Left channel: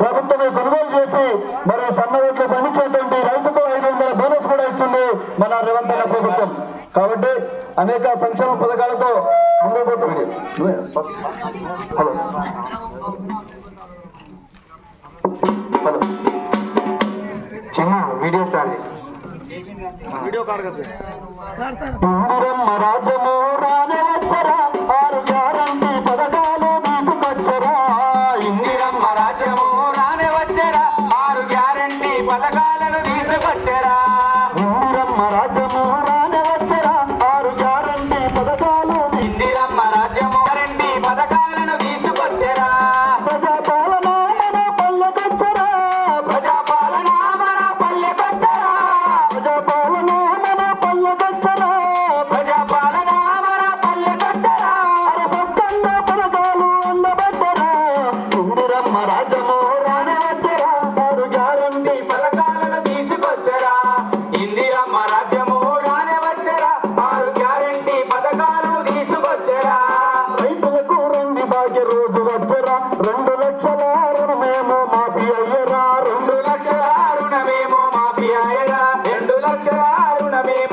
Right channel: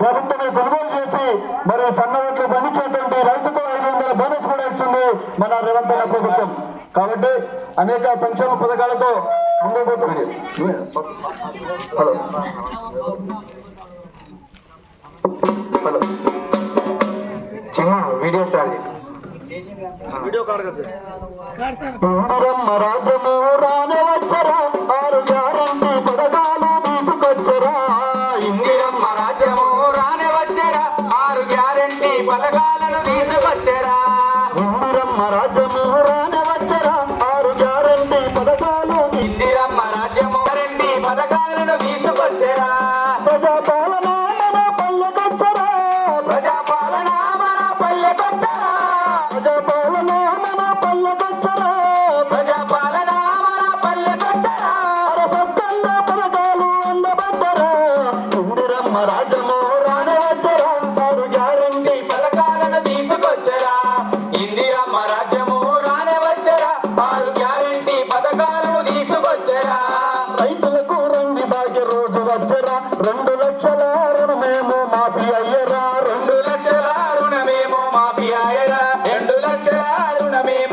ప్రభుత్వమే కొనుగోలు చేసి మరి సన్న ఓట్లు పండించేటువంటి రైతుకు ఐదు వందల బోనస్ కూడా ఇస్తుంది మన రేవంత్ ప్రభుత్వం. కాబట్టి అనేక సంక్షేమ పథకాలతో అందబోతుంది హలో. హలో. చిన్న వీడియో స్టార్ట్ వీడియో కార్డు రాజము రాణవ పల్లెకొచ్చరా ప్రజాపాలన మన పల్లెకొచ్చరా ప్రజాపాలన మన పల్లెకొచ్చరా ప్రజాపాలన మన పల్లెకొచ్చరా సొంతంగా పథకాలు అందబడ్డరా? ఇందిరమ్మ రాజము రాని వచ్చరా? ఆరు గ్యారంటీ పథకాలను తీసుకొచ్చరా ఇందిరమ్మ రాజ్యము రాని వచ్చరా? ఆరు రెండు দেব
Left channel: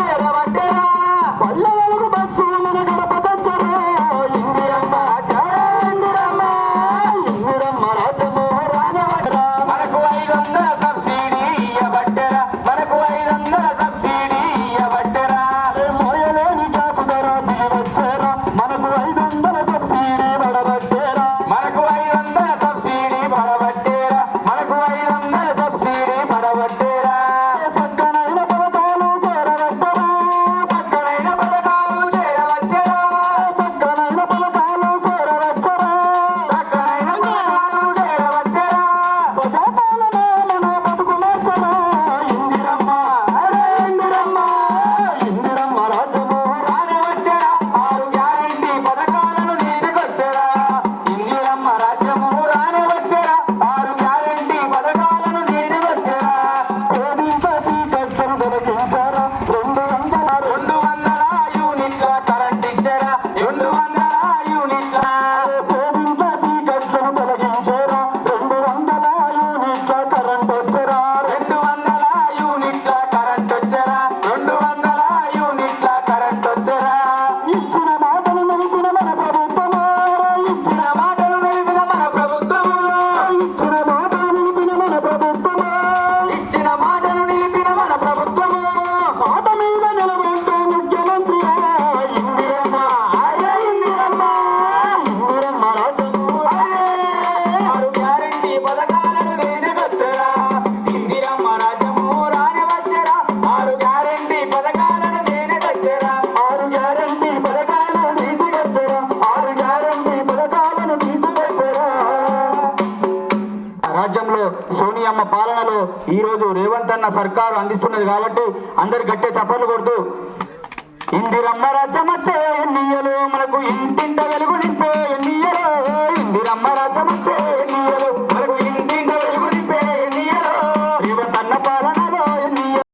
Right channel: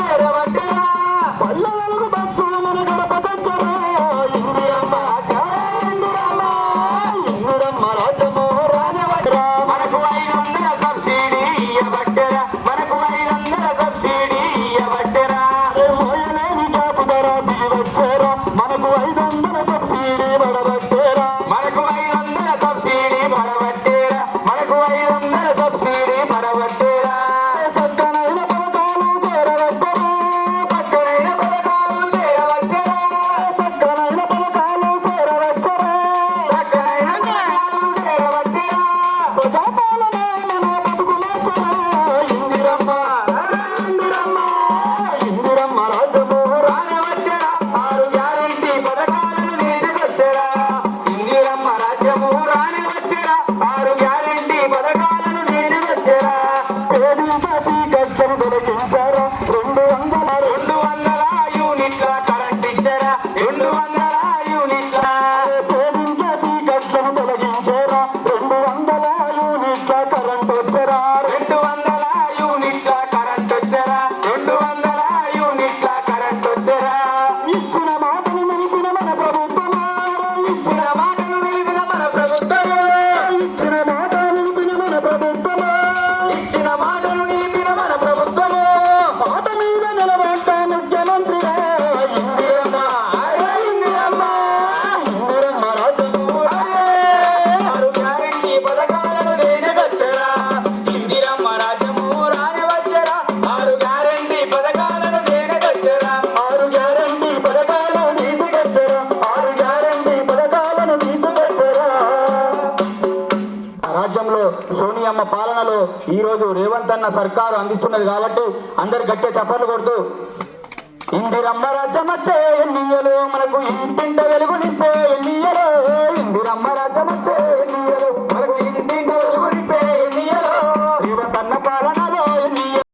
అన్న పాలనలో ఈరోజు రేవంత్ అన్న సర్కారు అందిస్తున్నది కాబట్టి అందరు గట్టే చప్పట్లు కొడుతూ ఇందిరమ్మ రాజ్యమచ్చే ఎన్నియలు మనకు ఇంటింట వెలుగు నింపే